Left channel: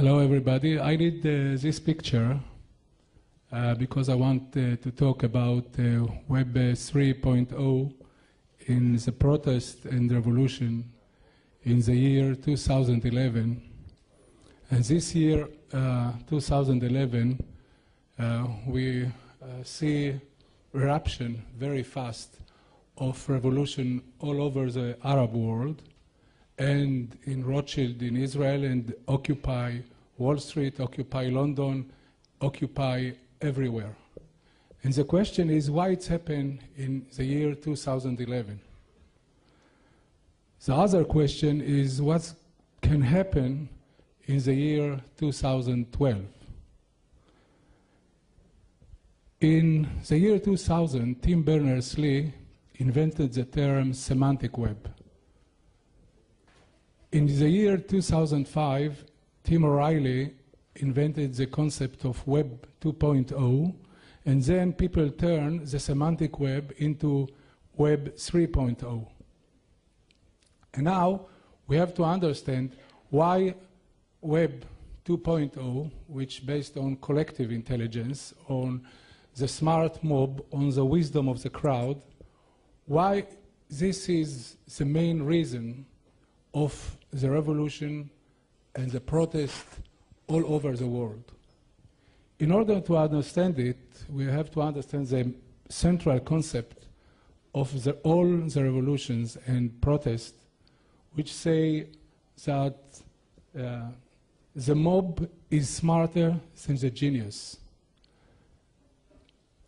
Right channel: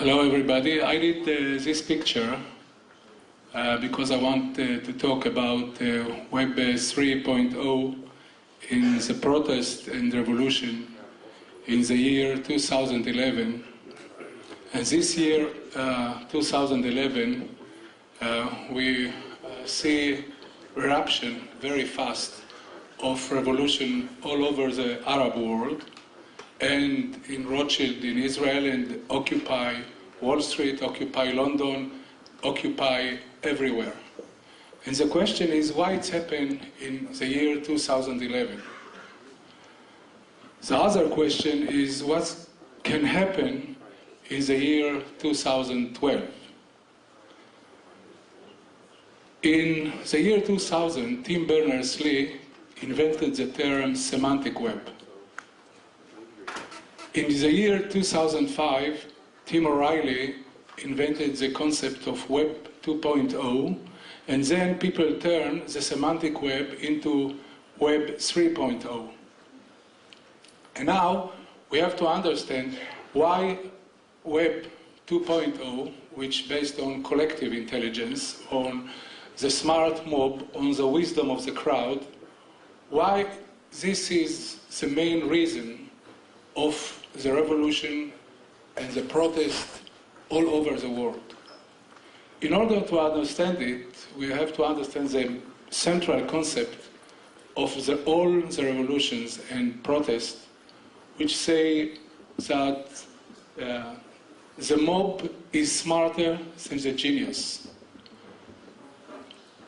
Hello everybody. I did this picture because I want to talk about Web 3.0 in the protest and revolution in the year 2011. And this year, 2011, we see eruption very fast of revolution all over the Arab world, and in Rothschild in Israel, and Occupy Wall Street, Occupy London, Occupy everywhere. And the question is why it's happened in the year 2011. The other question is what can happen in the year 2012. In the year 2000, Tim Berners-Lee invented the term semantic web. In the year 2005, Tim O'Reilly invented the concept of Web 2.0, and then people turned the semantic web into Web 3.0. And now we have to understand why Web 2.0, which is based on collective intelligence, on the smart mob, on the wisdom of the crowd, why this is the main reason of the revolution and the protest all over the world. In order to understand it, we have to understand the central concept of all the revolutions and protests, which say that the mob is smarter than the genius.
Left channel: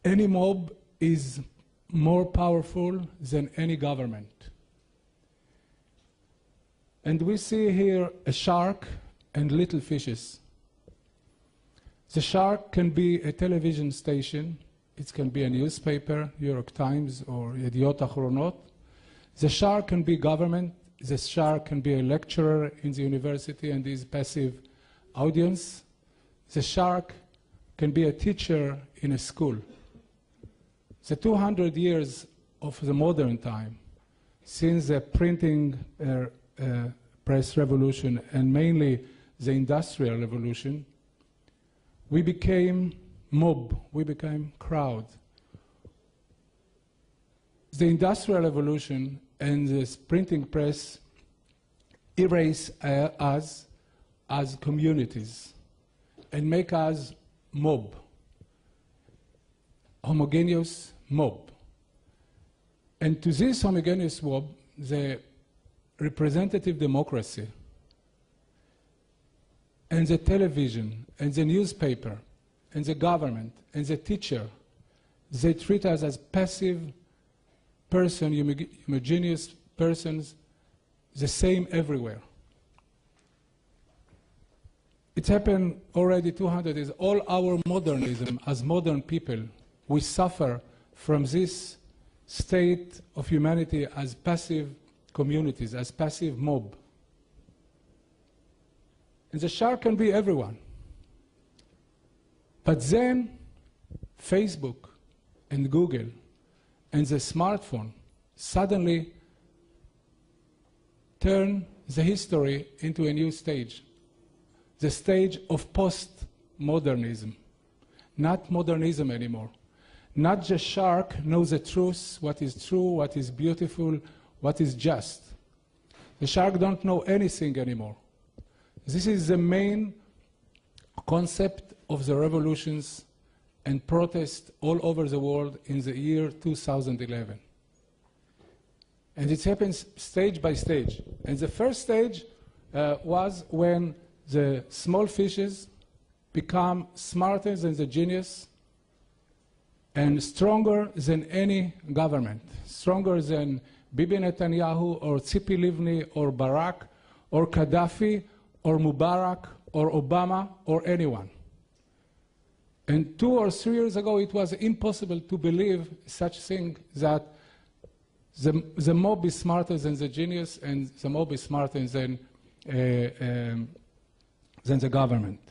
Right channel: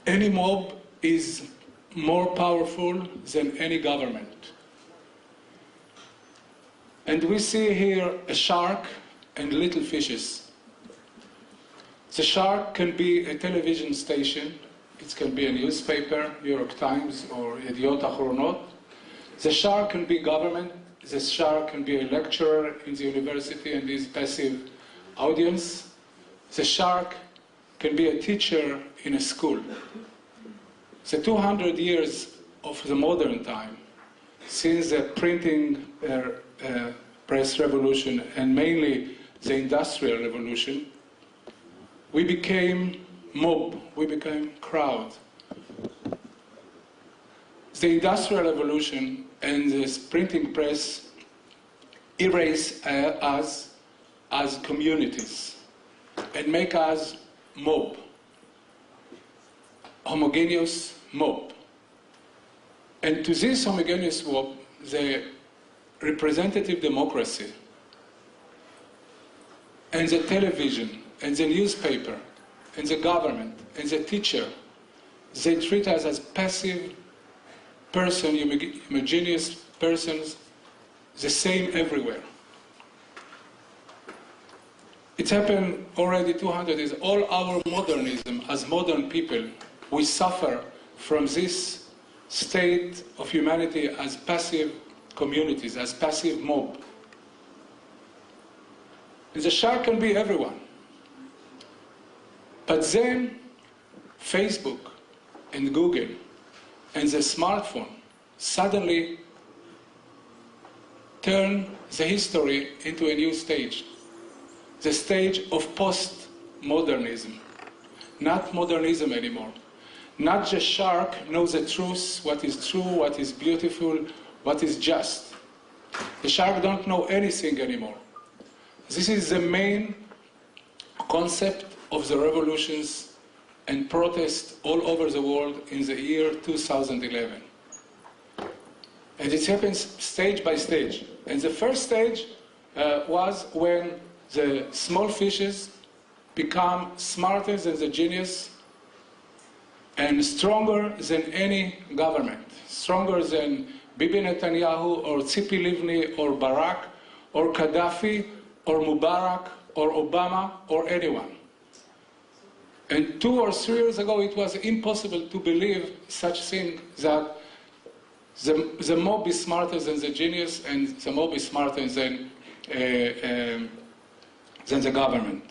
Any mob is more powerful than any government. And we see here a shark and little fishes. The shark can be a television station, it can be a newspaper, New York Times or Yediot Ahronot. The shark can be government, the shark can be a lecturer in the university and his passive audience. The shark can be a teacher in a school. The 200 years of the modern time, since the printing press revolution and mainly the industrial revolution, we became mob, we became crowd. The industrial revolution and the printing press erase us as communities and make us mob, homogeneous mob. And to this homogeneous mob, the representative democracy and the television and the newspaper and the government and the teacher, they treat us as passive person, homogeneous persons, the same everywhere. It happened already 200 years. All our modernism as modern people, we suffer from this state of humanity as passive communities, as passive mob. And the shark can be everyone. But then Facebook and Google and the smartphone suddenly turn the history into a new stage. The stage of post-modernism. Not modernism anymore. Not the shark knows the truth, what is true, what is beautiful, what is just. The shark don't know anything anymore. This is the main concept of the revolutions and protests all over the world in the year 2011. And it happens stage by stage. And the first stage was when the small fishes become smarter than the genius and stronger than any government, stronger than Bibi Netanyahu or Tzipi Livni or Barak or Gaddafi or Mubarak or Obama or anyone. And 2 or 3 years ago it was impossible to believe such thing, that the mob is smarter than the genius and the mob is smarter than the government.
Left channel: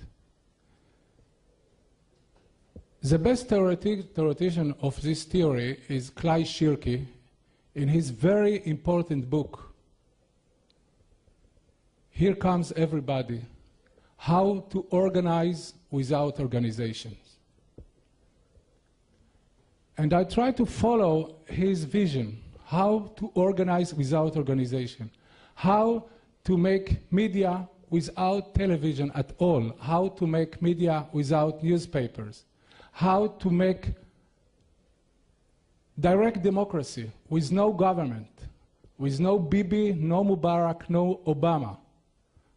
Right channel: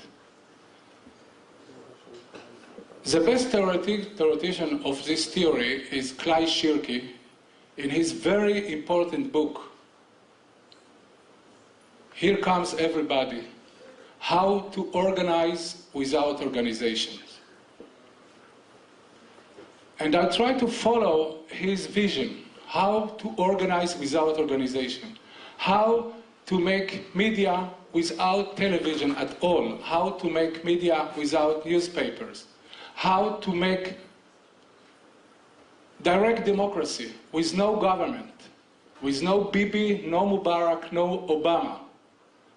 The best theoretician of this theory is Clay Shirky in his very important book, Here Comes Everybody, how to organize without organization. And I try to follow his vision, how to organize without organization, how to make media without television at all, how to make media without newspapers, how to make direct democracy with no government, with no Bibi, no Mubarak, no Obama.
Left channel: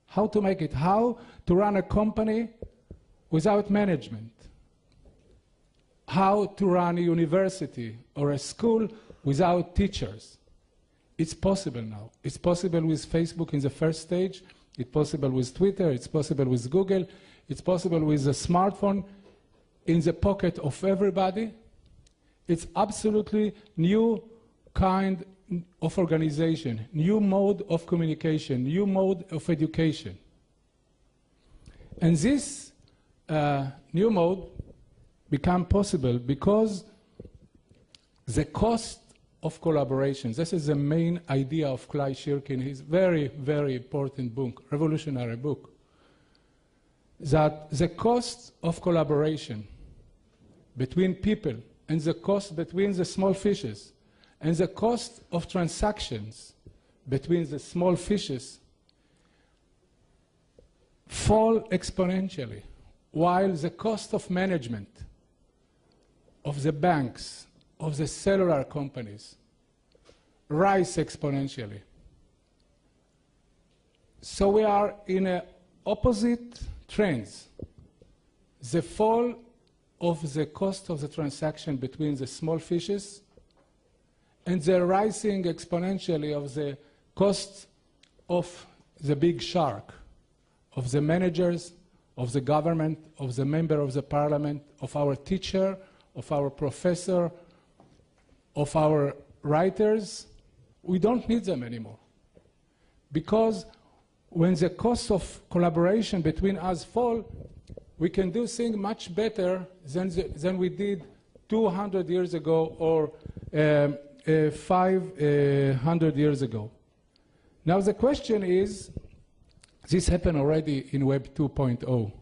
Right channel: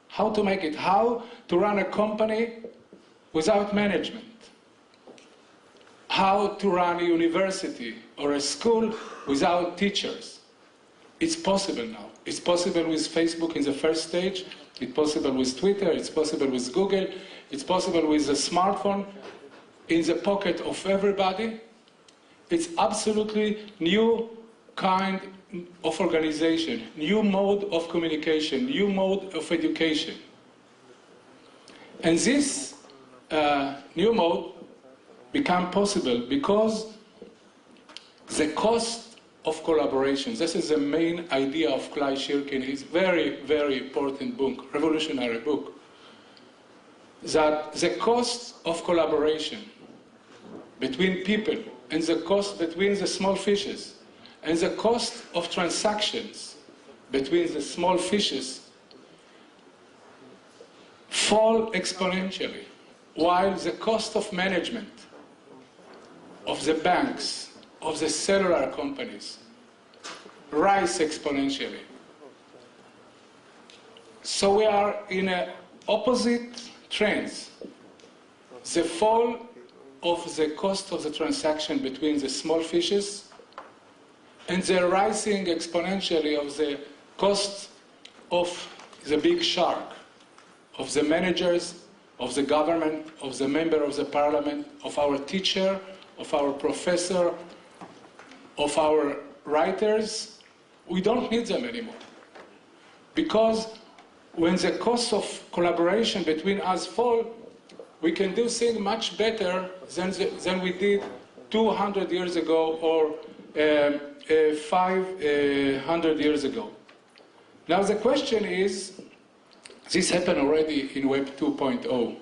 How to make it, how to run a company without management, how to run a university or a school without teachers. It's possible now. It's possible with Facebook in the first stage, it's possible with Twitter, it's possible with Google, it's possible with a smartphone in the pocket of everybody. It's absolutely new kind of organization, new mode of communication, new mode of education. And this new mode became possible because the cost of collaboration, this is the main idea of Clay Shirkin, his very, very important book, revolutionary book, that the cost of collaboration between people and the cost between the small fishes and the cost of transactions between the small fishes fall exponentially, while the cost of management of the banks, of the cellular companies, rise exponentially. So we are in opposite trends. The fall of the cost of the transaction between the small fishes and the rising exponentially of the cost of the big shark, of the managers, of the government, of the member of the parliament, of our teacher, of our professor, of our writers. We don't need them anymore. Because when the cost of collaboration between us fall, we can do things much better than we did 200 years ago or 500 years ago. Now the question is, this happened already in Web 2.0,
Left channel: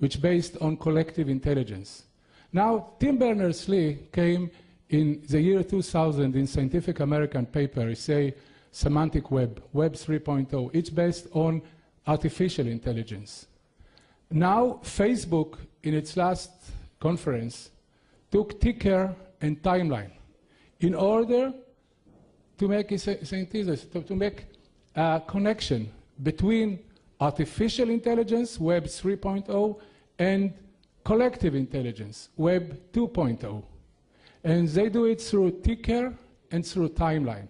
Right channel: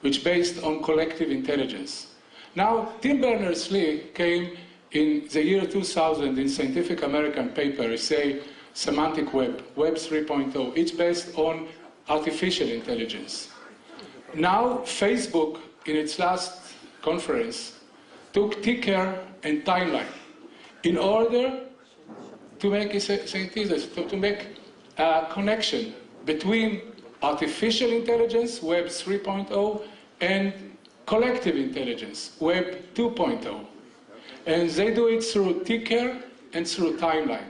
which based on collective intelligence. Now, Tim Berners-Lee came in the year 2000 in Scientific American paper, say, semantic web, Web 3.0. It's based on artificial intelligence. Now, Facebook, in its last conference, took ticker and timeline in order to make a synthesis, to make a connection between artificial intelligence, Web 3.0, and collective intelligence, Web 2.0. And they do it through ticker and through timeline.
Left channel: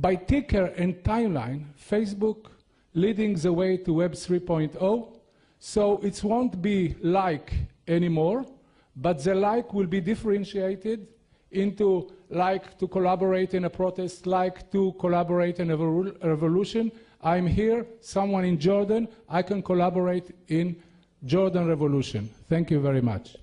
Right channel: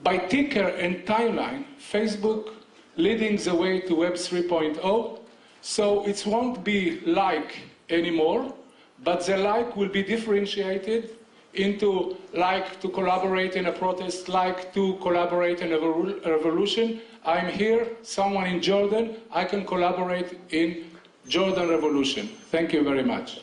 By ticker and timeline, Facebook leading the way to Web 3.0, so it won't be like anymore, but the like will be differentiated into like to collaborate in a protest, like to collaborate in a revolution. I'm here, someone in Jordan, I can collaborate in Jordan Revolution. Thank you very much.